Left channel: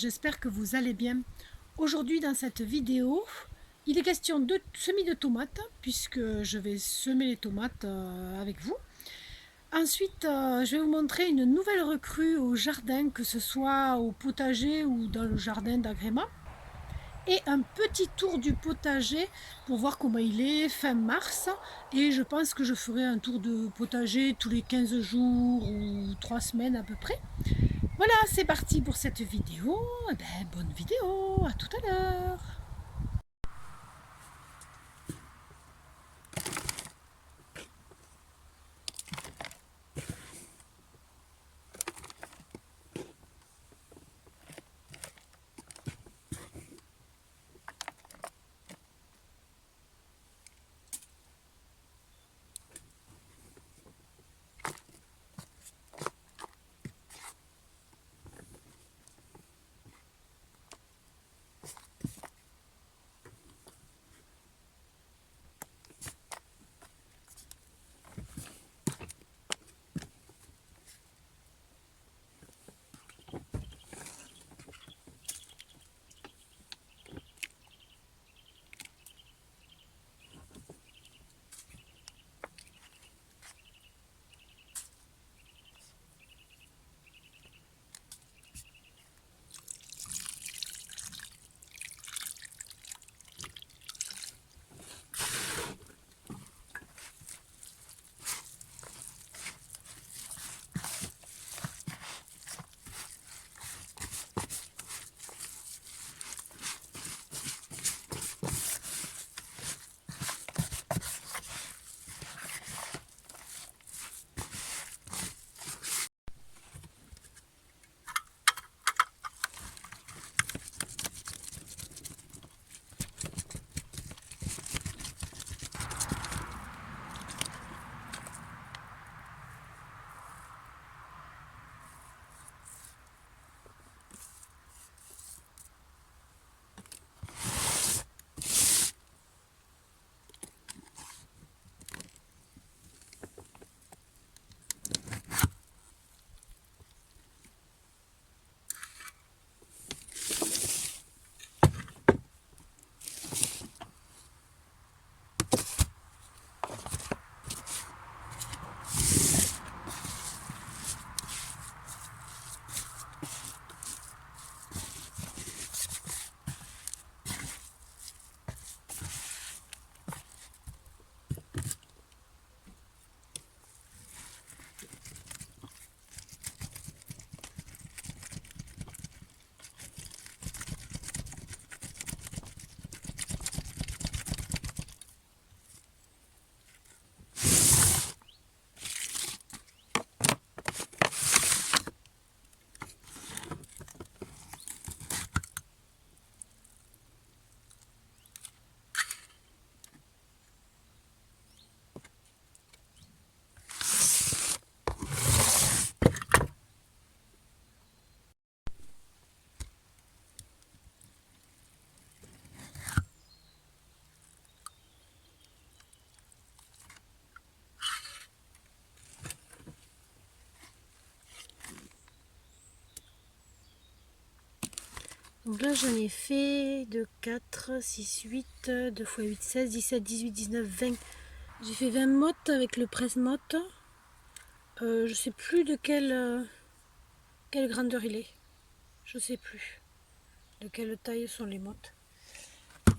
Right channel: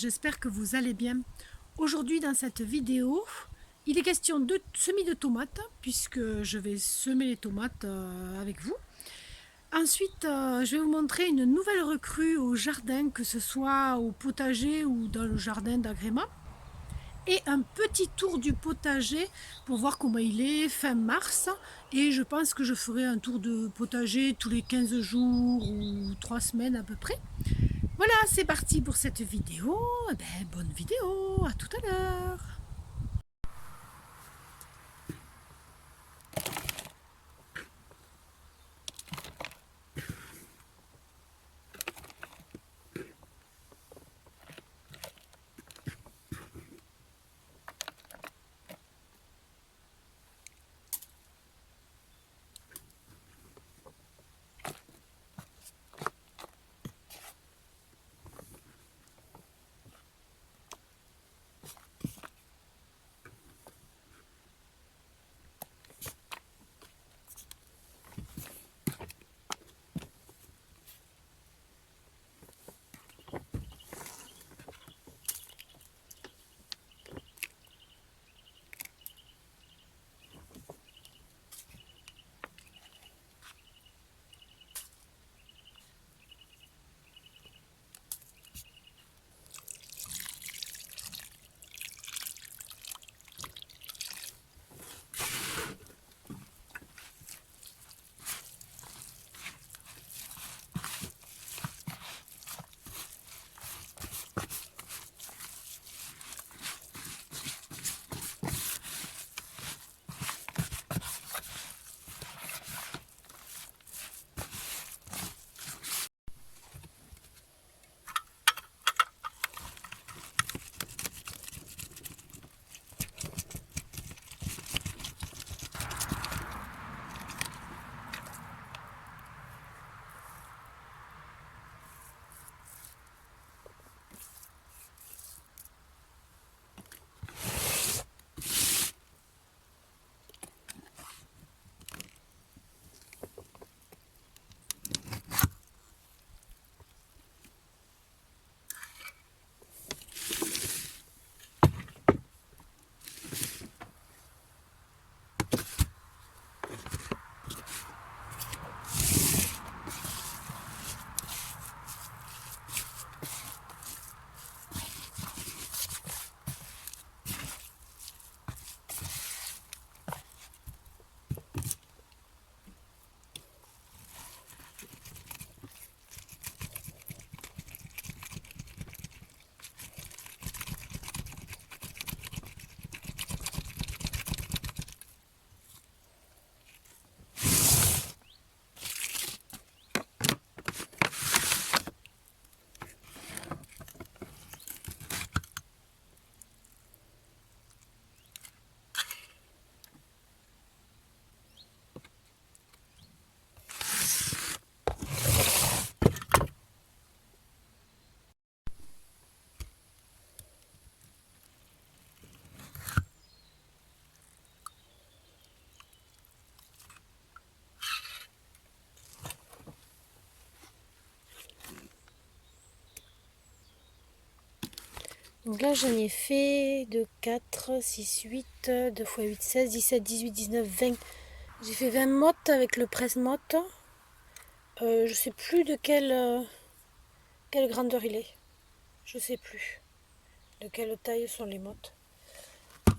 j'espère que vous allez bien. Aujourd'hui dans cette vidéo, il est question de semis de tomates, puisque je vais semer les tomates avec vous. Ensuite, je vais vous montrer une nouvelle recrue au jardin, que ce soit au potager ou dans le jardin d'agrément. Et un petit tour du potager pour voir comment il est fin mars. Et je pense que je ferai un tour de potager tous les 15 jours ou 3 semaines à peu près. Voilà, c'est parti pour cette vidéo. Eh ben, bonne vidéo, à tout à l'heure. Donc là, j'en ai fait de 4, 6, 8, 2 x 8, 16, 17, 18, 19, 20. J'ai fait 20 mottes avec le presse-motte. Je sais plus de quelle grandeur il est. Je sais plus de quelle taille sont les mottes.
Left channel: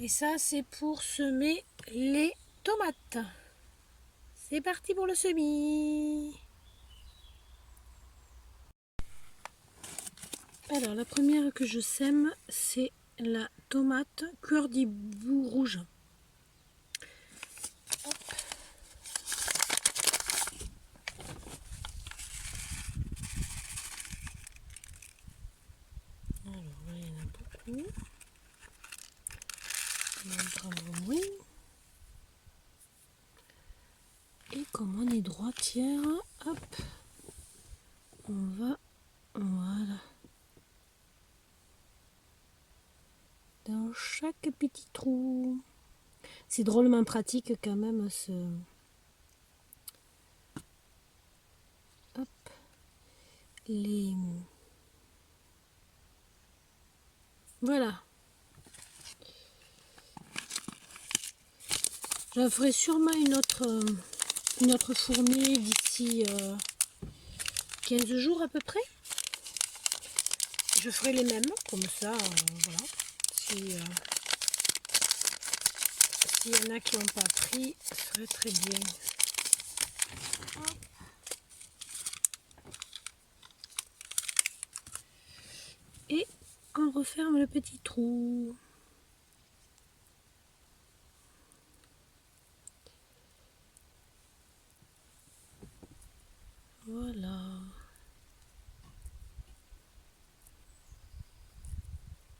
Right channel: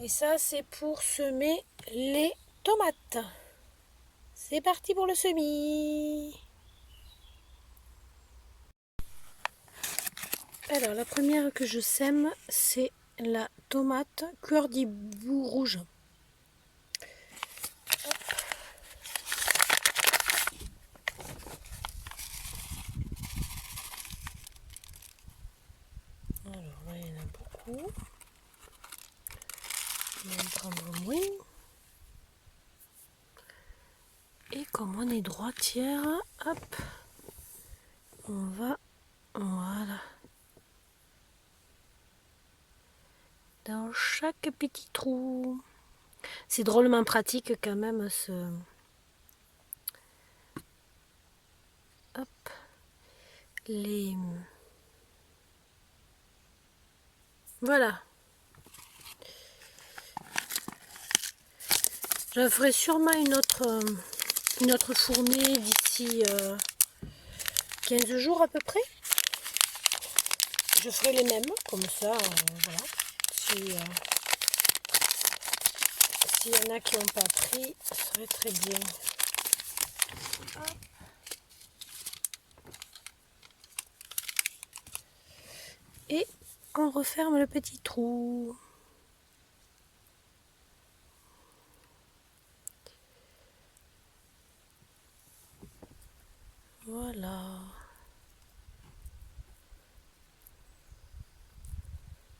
Et ça, c'est pour semer les tomates. C'est parti pour le semis. Alors, la première que je sème, c'est la tomate cœur d'hibou rouge. Alors là, il y en a beaucoup. On va en prendre moins. Et comme on est droitière, hop, on va, voilà, dans chaque petit trou. C'est drôlement pratique quand même ce... Hop, les... Voilà. Je ferai sûrement une autre fournée d'ici 15 jours à peu près. Je ferai les mêmes, comme ça, voilà. S'il y en a qui n'ont pas pris, ce serait très bien. Hop. Et on referme le petit trou. Voilà.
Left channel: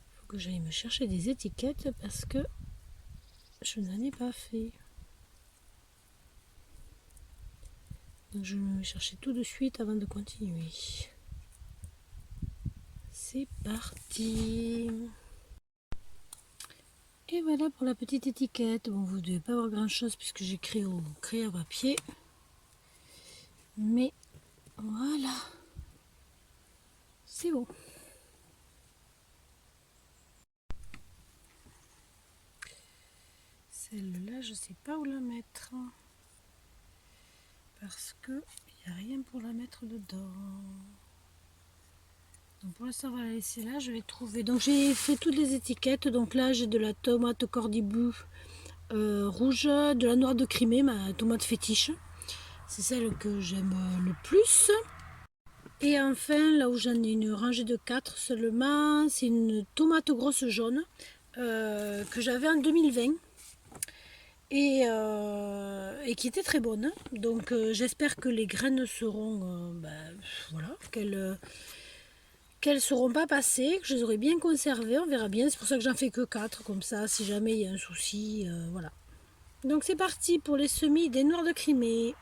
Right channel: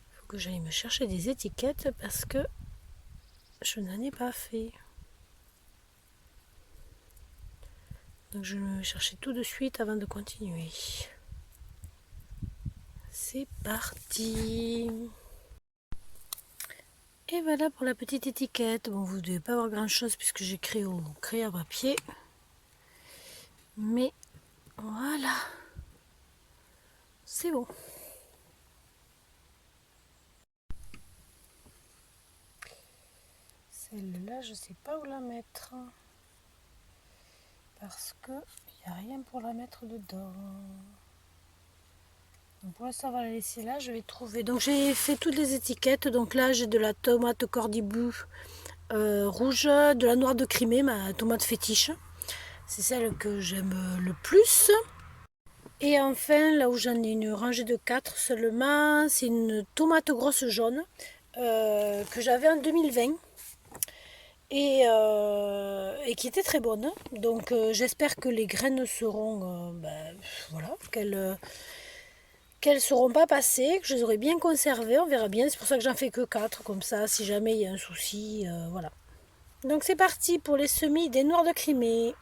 Il faut que j'aille me chercher des étiquettes parce que je n'en ai pas fait. Donc je vais me chercher tout de suite avant de continuer. C'est parti. Et voilà pour la petite étiquette. Bon, vous ne devez pas avoir grand chose puisque j'écris au crayon à papier. Mais voilà. C'est bon. Celle-là, je ne sais pas où la mettre. Parce que il n'y a rien pour la mettre dedans. Donc pour l'instant, on va la laisser là. Je vais trouver. Donc j'ai fait toutes les étiquettes. Donc là, j'ai de la tomate cordibou rouge, de la noire de Crimée, ma tomate fétiche. C'est celle que j'aime le plus. Et enfin, là où j'en ai une rangée de 4 seulement, c'est une tomate grosse jaune que j'avais en 2020 et qui était très bonne. Donc j'espère que les graines seront, voilà, qu'elles seront pas passées, que je les aurai bien conservées. On verra bien. C'est pour ça que j'en fais que 4 comme ça, si jamais il y a un souci, voilà. Donc c'est parti pour les semis des noires de Crimée.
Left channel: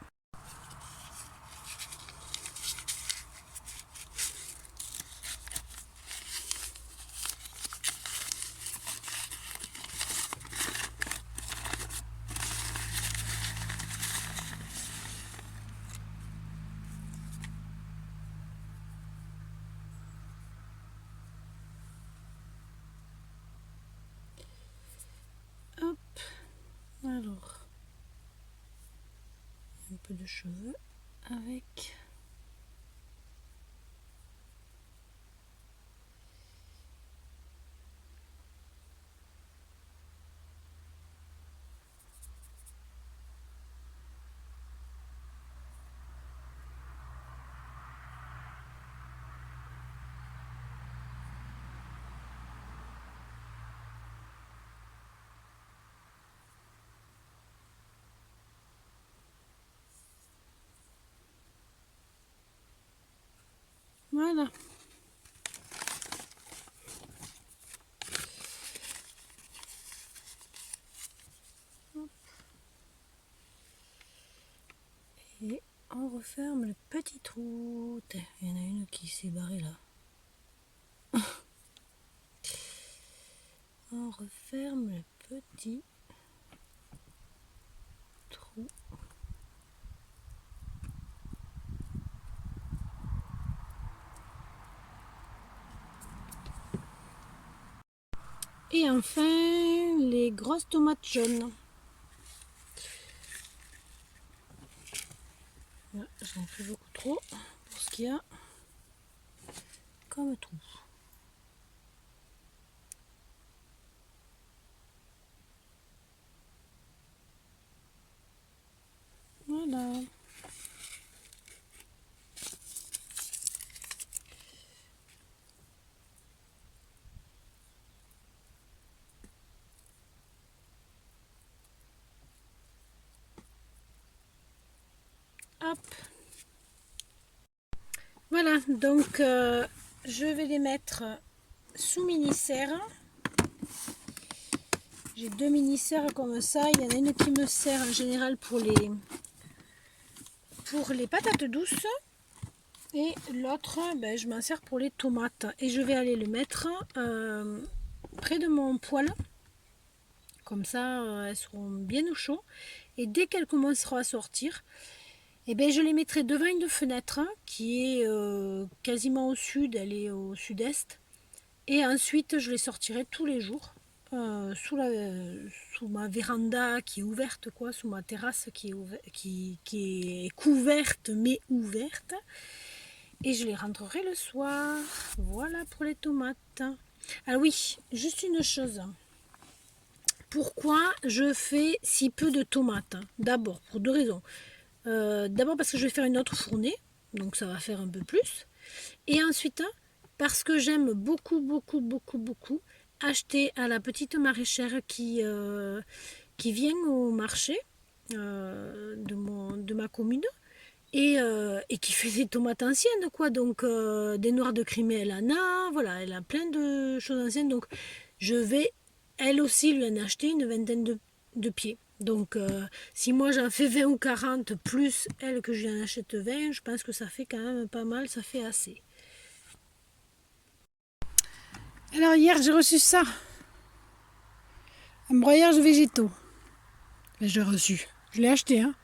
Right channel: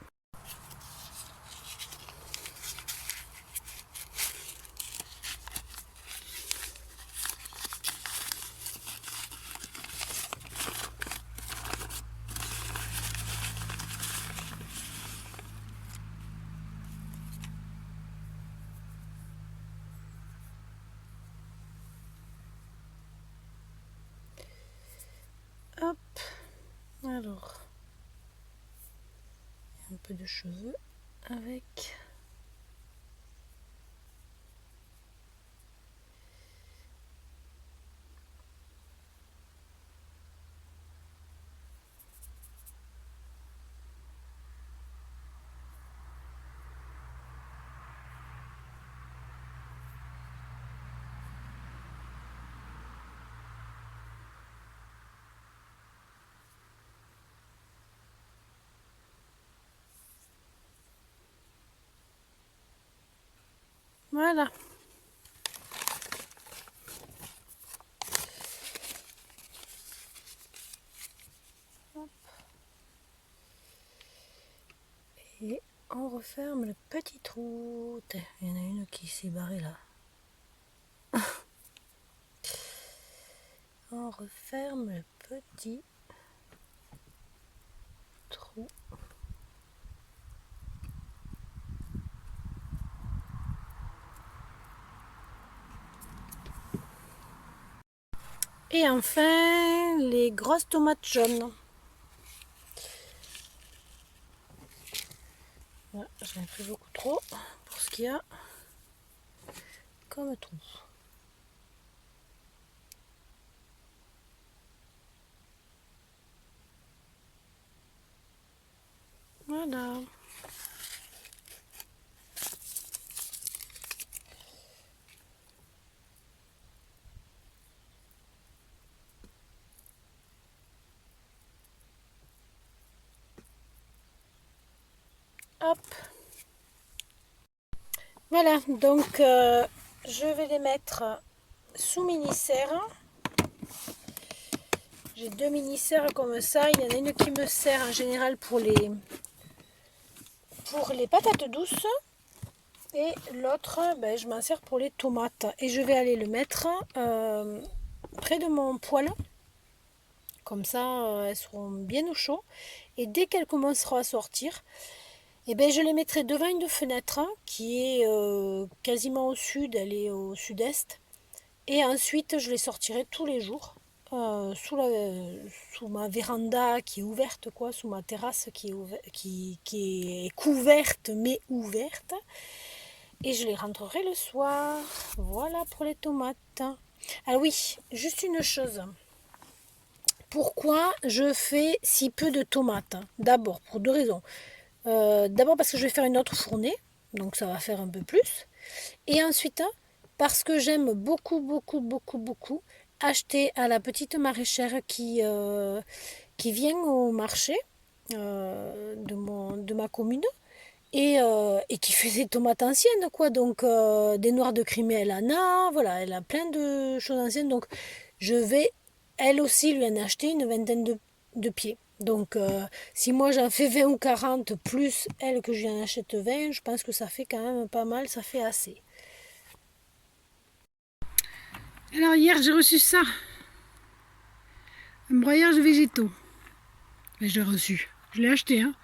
Hop, alors, un peu de cheveux avec. Voilà. Et on referme le petit trou. Il y en a une qui s'est barrée là. On referme le petit trou. Et enfin, les grosses tomates jaunes. J'en ai fait beaucoup trop pour ce qu'il y a comme trou. Voilà. Hop. Voilà, donc je vais les mettre sous mini-serre. J'ai 2 mini-serres comme ça. Il y en a une qui me sert en général pour les patates douces. Et l'autre, je m'en sers pour les tomates. Et je vais aller le mettre près de mon poêle. Comme ça, elles seront bien au chaud. Et dès qu'elles commenceront à sortir, je les mettrai devant une fenêtre qui est quasiment au sud. Elle est au sud-est. Et ensuite, je les sortirai tous les jours sous ma véranda qui est ouverte, quoi, sous ma terrasse qui est couverte mais ouverte. Et je les rentrerai le soir. Voilà pour les tomates. Ah oui, juste une chose. Pourquoi je fais si peu de tomates? D'abord, pour deux raisons. D'abord parce que je vais faire une autre fournée, donc ça va faire un peu plus. Et ensuite, parce que j'aime beaucoup, beaucoup, beaucoup, beaucoup acheter à la petite maraîchère qui vient au marché de ma commune et qui fait des tomates anciennes, quoi. Donc, des noires de Crimée, elle en a, voilà, elle a plein de choses anciennes. Donc, je vais, elle aussi, lui en acheter une vingtaine de pieds. Donc, si moi j'en fais 20 ou 40 plus elle que je lui en achète 20, je pense que ça fait quand même pas mal, ça fait assez. Alors hier j'ai reçu ça, un broyage de végétaux. Mais je l'ai reçu, je l'ai acheté. Hein.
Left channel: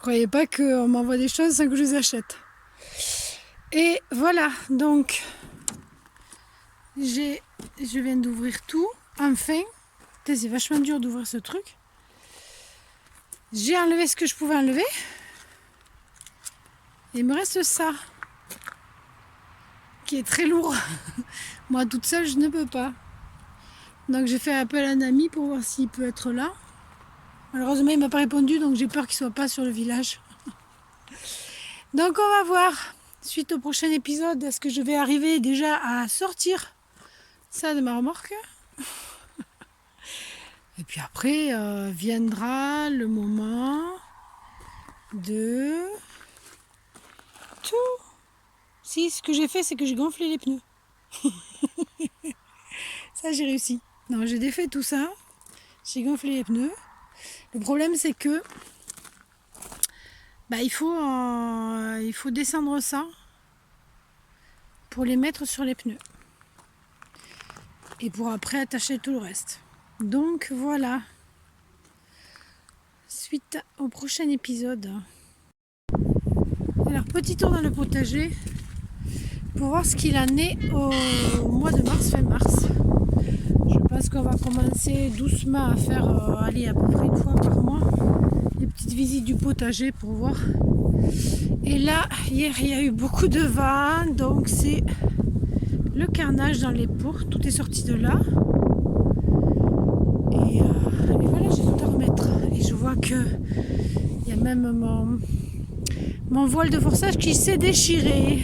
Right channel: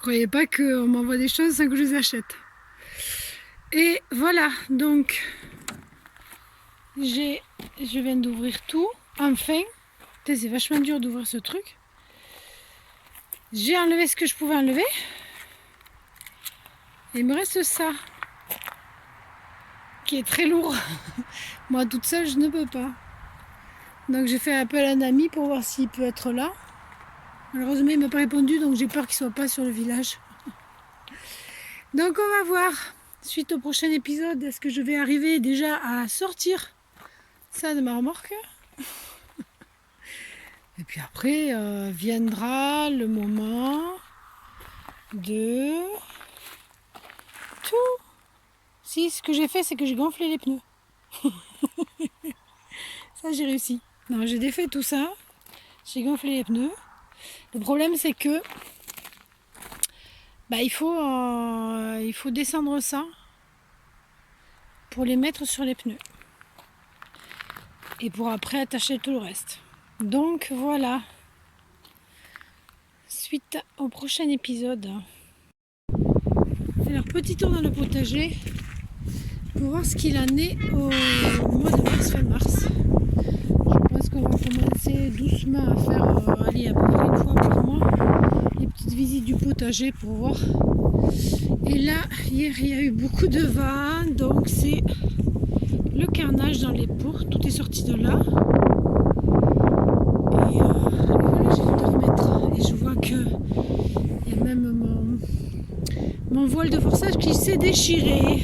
Croyez pas qu'on m'envoie des choses sans que je les achète. Et voilà, donc je viens d'ouvrir tout, enfin. C'est vachement dur d'ouvrir ce truc. J'ai enlevé ce que je pouvais enlever. Et il me reste ça, qui est très lourd. Moi toute seule je ne peux pas. Donc j'ai fait appel à un ami pour voir s'il peut être là. Malheureusement il ne m'a pas répondu, donc j'ai peur qu'il ne soit pas sur le village. Donc on va voir, suite au prochain épisode, est-ce que je vais arriver déjà à sortir ça de ma remorque. Et puis après viendra le moment de tout. Si, ce que j'ai fait, c'est que j'ai gonflé les pneus. Ça, j'ai réussi. Non, j'ai défait tout ça. J'ai gonflé les pneus. Le problème, c'est que il faut descendre ça pour les mettre sur les pneus. Et pour après attacher tout le reste. Donc voilà. Suite au prochain épisode. Alors, petit tour dans le potager pour voir ce qu'il en est au mois de mars, fin mars. Je pense qu'on va commencer doucement à faire aller à peu près une fois par mois les petites visites du potager pour voir. Et là, hier, il y a eu beaucoup de vent, donc c'est le carnage dans les pots. Tout est sorti de là. Et voilà, je vais te remettre. Et je vois que il y a même mon voile de forçage qui s'est déchiré.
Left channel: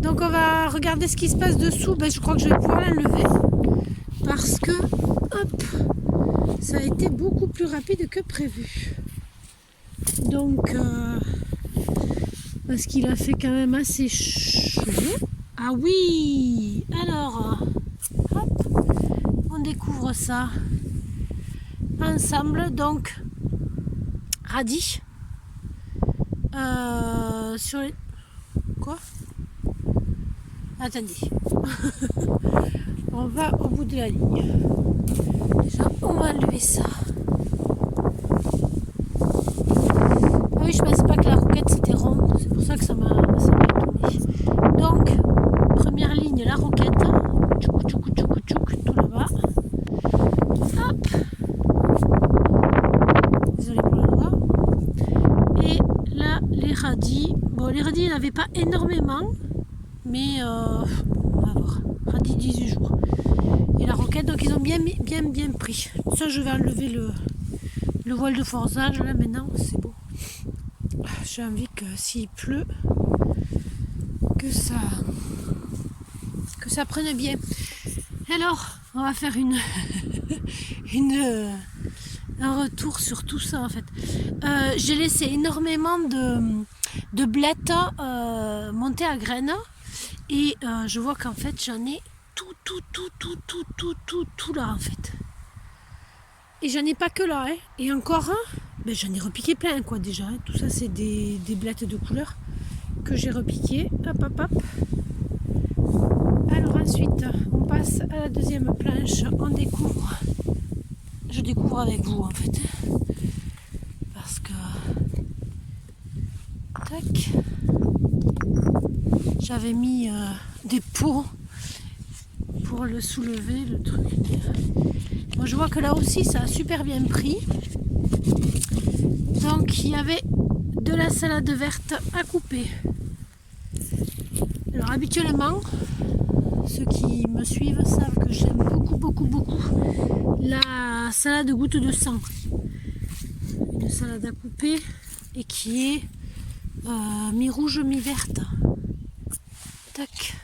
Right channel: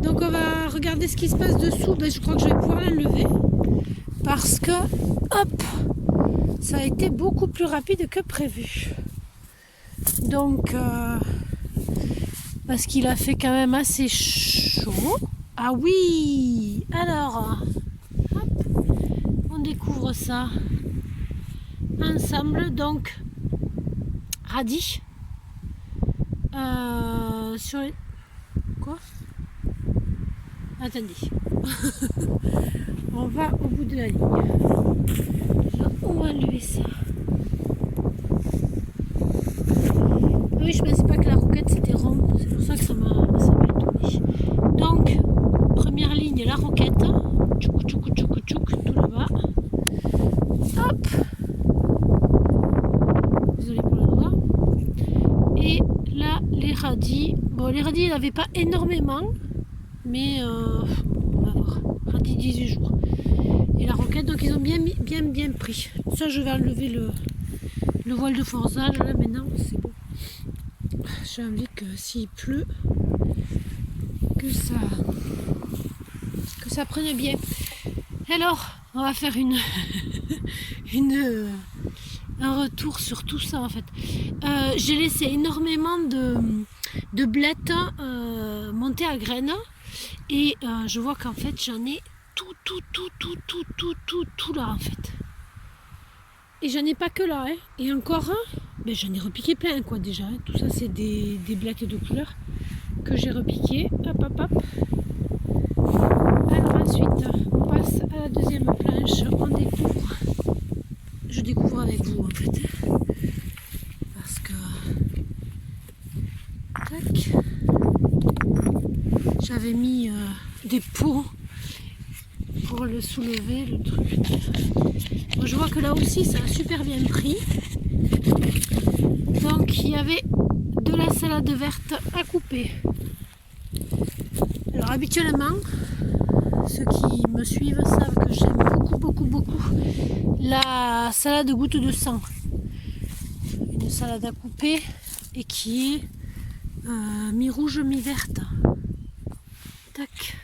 Donc on va regarder ce qui se passe dessous. Je crois que je vais pouvoir l'enlever. Parce que, hop, ça a été beaucoup plus rapide que prévu. Donc, parce qu'il a fait quand même assez chaud. Ah oui! Alors, hop, on découvre ça ensemble. Donc, radis. Sur les... Quoi? Attendez. On va au bout de la ligne. Déjà, on va enlever ça. Ah oui, je pensais pas que la roquette c'était rond. C'est pour ça que ça m'a étonné. Donc, première ligne, la roquette. Tchouk, tchouk, tchouk, tchouk, tout là-bas. Hop. Désolée pour la doigt. Et là, les radis. Bon, les radis, il n'y en avait pas énormément. Mais on va voir. Radis 18 jours. Et la roquette, donc ils ont bien pris. Ça, je vais enlever le voile de forçage. Là, maintenant, c'est beau. J'ai envie que s'il pleut, que ça prenne bien. Alors, on va faire un retour sur tout ça, en fait. J'ai laissé énormément de blettes monter à graines. Et je vois qu'en fait j'en ai tout là en fait. Et j'en ai pas que là, hein. Et encore j'en ai repiqué plein quoi déjà. Hein. Tout ça c'est des blettes de couleur que j'ai repiqué. Hop hop hop. Alors ensuite on passe à la deuxième planche. On découvre. Je découvre avec vous en fait. Parce que tac. J'avais mis des pots pour le soulever, le truc. Bon, je vois que là aussi ça a super bien pris. Donc il y avait de la salade verte à couper. Alors habituellement, ceux qui me suivent savent que j'aime beaucoup la salade goutte de sang. Une salade à couper et qui est mi-rouge, mi-verte. Tac.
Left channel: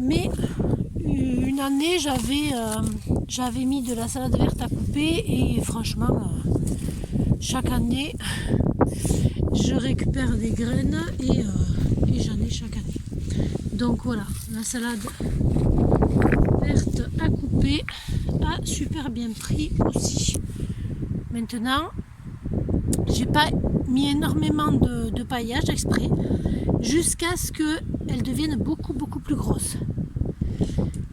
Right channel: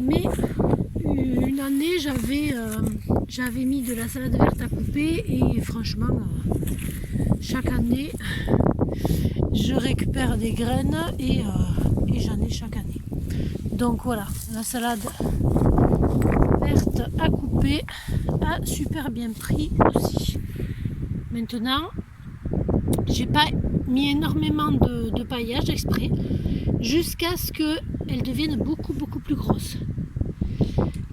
Mais une année j'avais mis de la salade verte à couper et franchement chaque année je récupère des graines et j'en ai chaque année. Donc voilà, la salade verte à couper a super bien pris aussi. Maintenant, j'ai pas mis énormément de paillage exprès jusqu'à ce qu'elle devienne beaucoup plus grosse.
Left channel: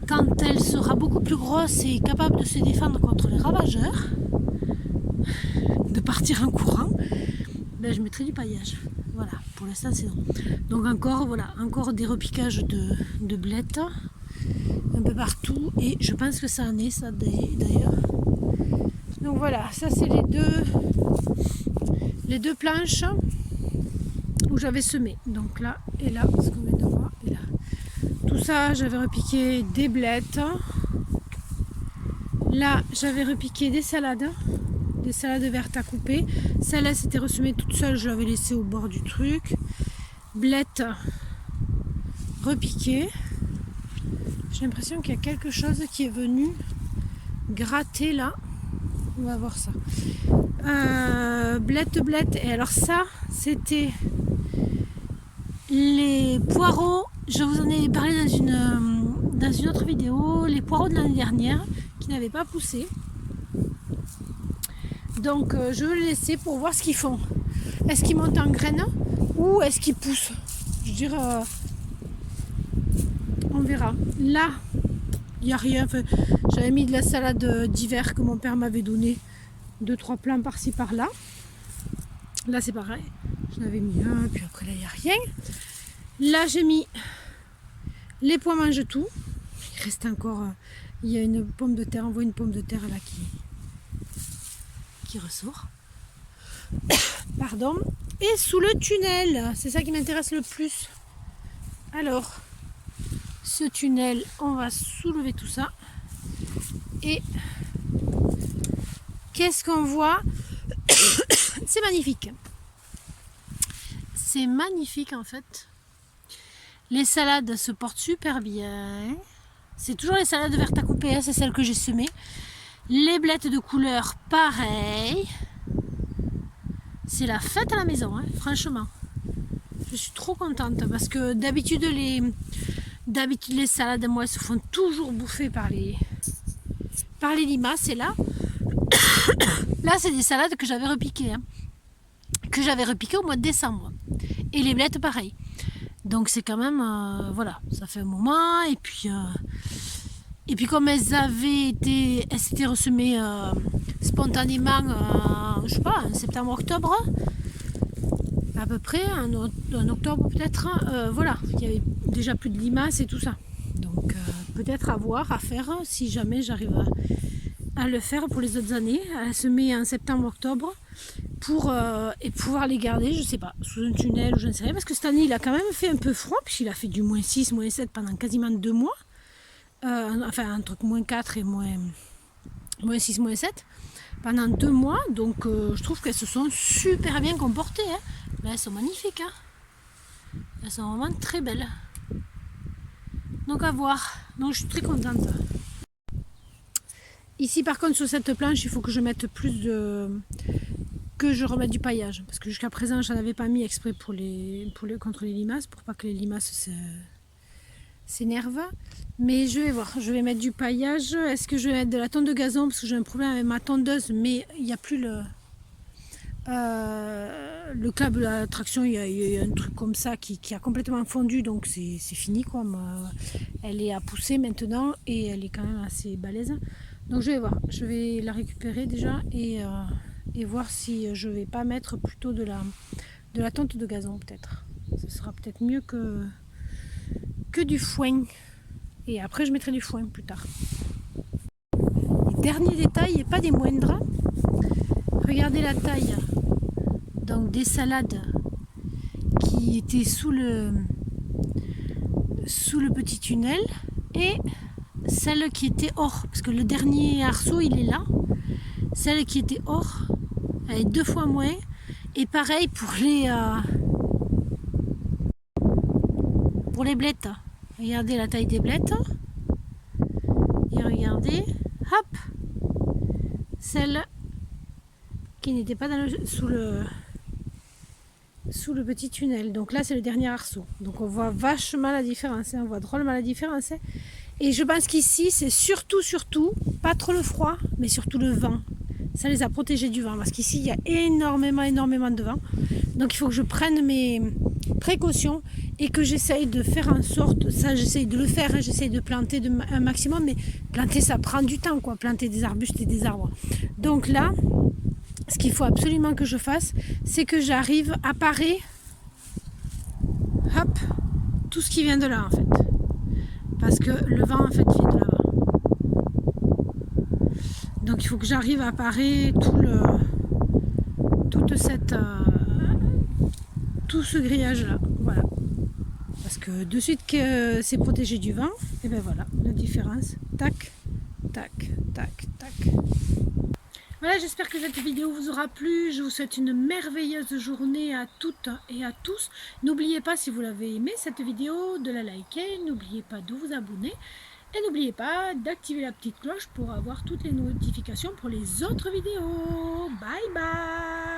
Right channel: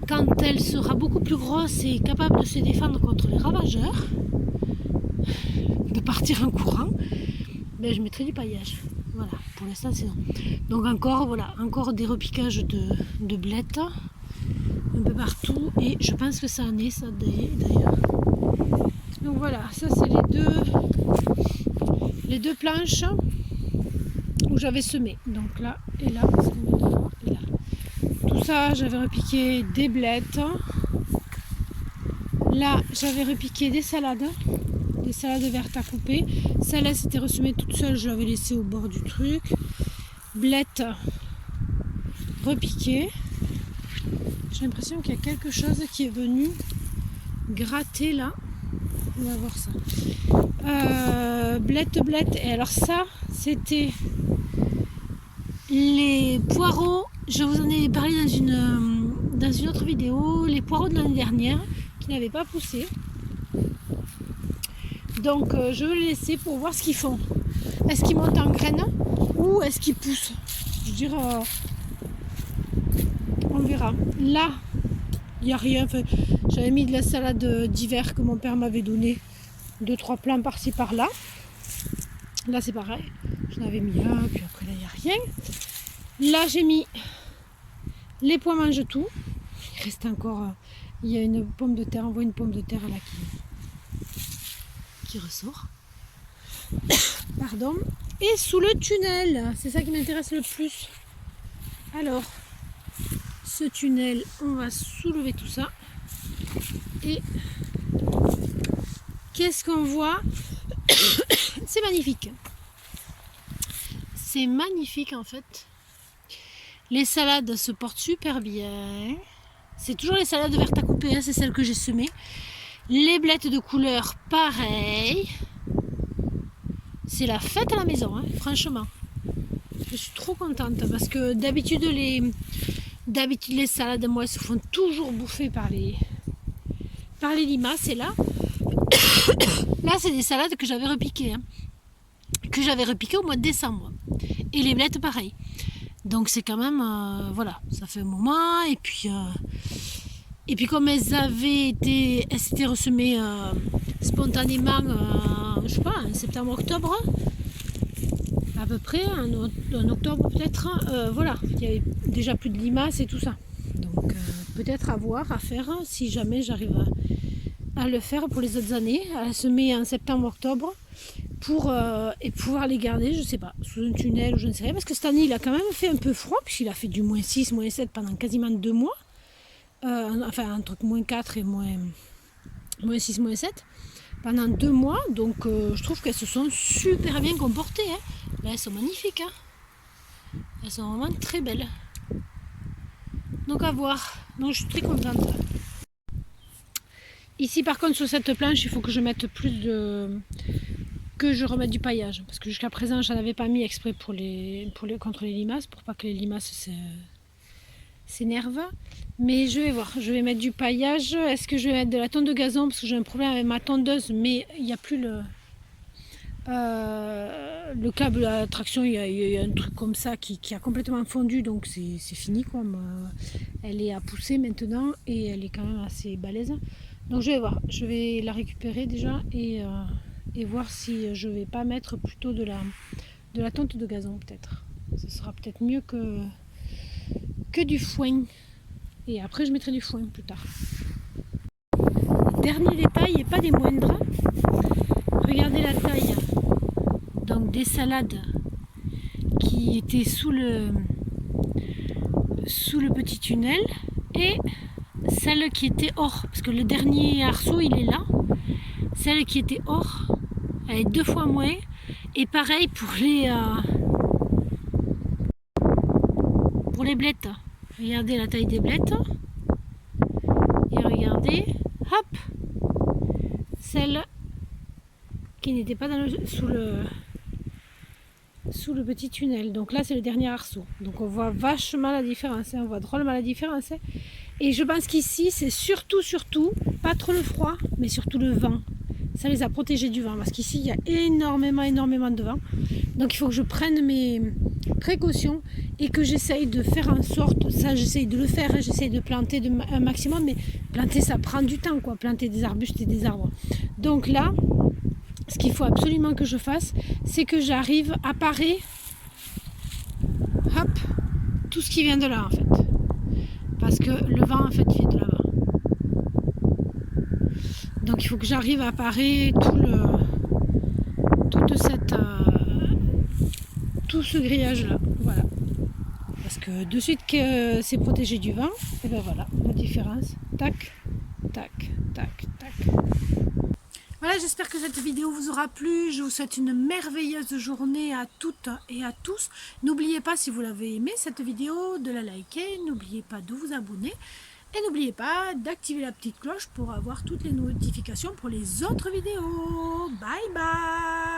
Quand elle sera beaucoup plus grosse et capable de se défendre contre les ravageurs, de partir en courant, ben je mettrai du paillage. Voilà, pour l'instant c'est non. Donc encore des repiquages de blettes un peu partout et je pense que ça en est ça d'ailleurs. Donc voilà, ça c'est les deux planches où j'avais semé. Donc là et là, ce qu'on vient de voir et là. Tout ça, j'avais repiqué des blettes. Là, j'avais repiqué des salades vertes à couper. Celle-là, c'était ressemée toute seule, je l'avais laissée au bord du truc. Blettes repiquées. J'ai l'impression qu'il y a quelque chose qui est venu gratter là. On va voir ça. Blettes. Et alors ça, c'était les poireaux. Je vous en ai parlé dans une autre vidéo. Les poireaux de l'année dernière qui n'avaient pas poussé. Donc je vais les laisser pour voir ce qu'ils font. Est-ce qu'ils montent en graines ou est-ce qu'ils poussent? Je veux dire, on verra. Là, il n'y a rien. Enfin, j'avais mis de la salade d'hiver que mon père m'avait donné. 2-3 plants par-ci par-là. Là c'est pareil. J'en avais mis un, puis après là il n'y a rien. Là j'ai mis les pois mange tout. Il reste encore. Il y a une pomme de terre. On voit une pomme de terre là qui ressort. Pardon. Et sous le tunnel, c'est ça qui m'intéresse le plus. Alors, ce tunnel, on va soulever tout ça. Et qu'est-ce qu'on voit? C'est magnifique. C'est magnifique en fait. Les salades se portent super bien. C'est toujours les salades vertes à couper, hein, c'est celles que j'ai semées. Les blettes de couleur, pareil. C'est la fête à la maison, hein, franchement. Je suis trop contente parce que d'habitude les salades, moi, elles se font toujours bouffer par les limaces. Et là, c'est des salades que j'avais repiquées, hein, au mois de décembre. Et les blettes, pareil. Donc c'est quand même, voilà, ça fait un moment. Et puis comme elles s'étaient ressemées spontanément, je sais pas, en septembre-octobre, à peu près, en octobre peut-être, voilà, il y avait déjà plus de limaces et tout ça. Donc peut-être à faire, si jamais j'arrive à le faire pour les autres années, à semer en septembre-octobre, pour pouvoir les garder, je sais pas, sous un tunnel ou je ne sais rien, parce que cette année il a quand même fait un peu froid, puisqu'il a fait du -6, -7 pendant quasiment 2 mois, enfin entre -4 et -6, -7, pendant 2 mois, donc je trouve qu'elles se sont super bien comportées, hein. Là elles sont magnifiques, hein. Elles sont vraiment très belles. Donc à voir, donc je suis très contente. Ici par contre sur cette planche il faut que je mette que je remette du paillage, parce que jusqu'à présent j'en avais pas mis exprès contre les limaces, pour pas que les limaces s'énervent. Mais je vais voir, je vais mettre du paillage. Est-ce que je vais mettre de la tonte de gazon, parce que j'ai un problème avec ma tondeuse, mais il n'y a plus le câble à traction, il y a un truc comme ça qui a complètement fondu, donc c'est fini quoi. Elle est à pousser maintenant et elle est quand même assez balèze. Donc je vais voir, je vais la récupérer déjà et voir si je vais pas mettre plutôt de la tonte de gazon peut-être. Ce sera peut-être mieux que du foin. et après je mettrai du foin plus tard. Dernier détail et pas des moindres, regardez la taille donc des salades qui étaient sous le petit tunnel et celle qui était hors, parce que le dernier arceau il est là, celle qui était hors elle est 2 fois moins, et pareil pour les blettes. Regardez la taille des blettes et regardez, hop, celle qui n'était pas sous le petit tunnel. Donc là c'est le dernier arceau, donc on voit vachement la différence, on voit drôlement la différence, et je pense qu'ici c'est surtout pas trop le froid mais surtout le vent, ça les a protégés du vent, parce qu'ici il y a énormément de vent, donc il faut que je prenne mes précautions et que j'essaye de faire en sorte, ça j'essaye de le faire, hein, j'essaye de planter un maximum, mais planter ça prend du temps quoi, planter des arbustes et des arbres. Donc là ce qu'il faut absolument que je fasse, c'est que j'arrive à parer, hop, tout ce qui vient de là en fait, parce que le vent en fait vient de là-bas. Donc il faut que j'arrive à parer tout ce grillage là, voilà. Parce que de suite que c'est protégé du vent, et ben voilà la différence. Tac, tac, tac, tac. Voilà, j'espère que cette vidéo vous aura plu. Je vous souhaite une merveilleuse journée à toutes et à tous. N'oubliez pas, si vous l'avez aimé cette vidéo, de la liker. N'oubliez pas de vous abonner. Et n'oubliez pas d'activer la petite cloche pour avoir toutes les notifications pour les autres vidéos. Bye bye!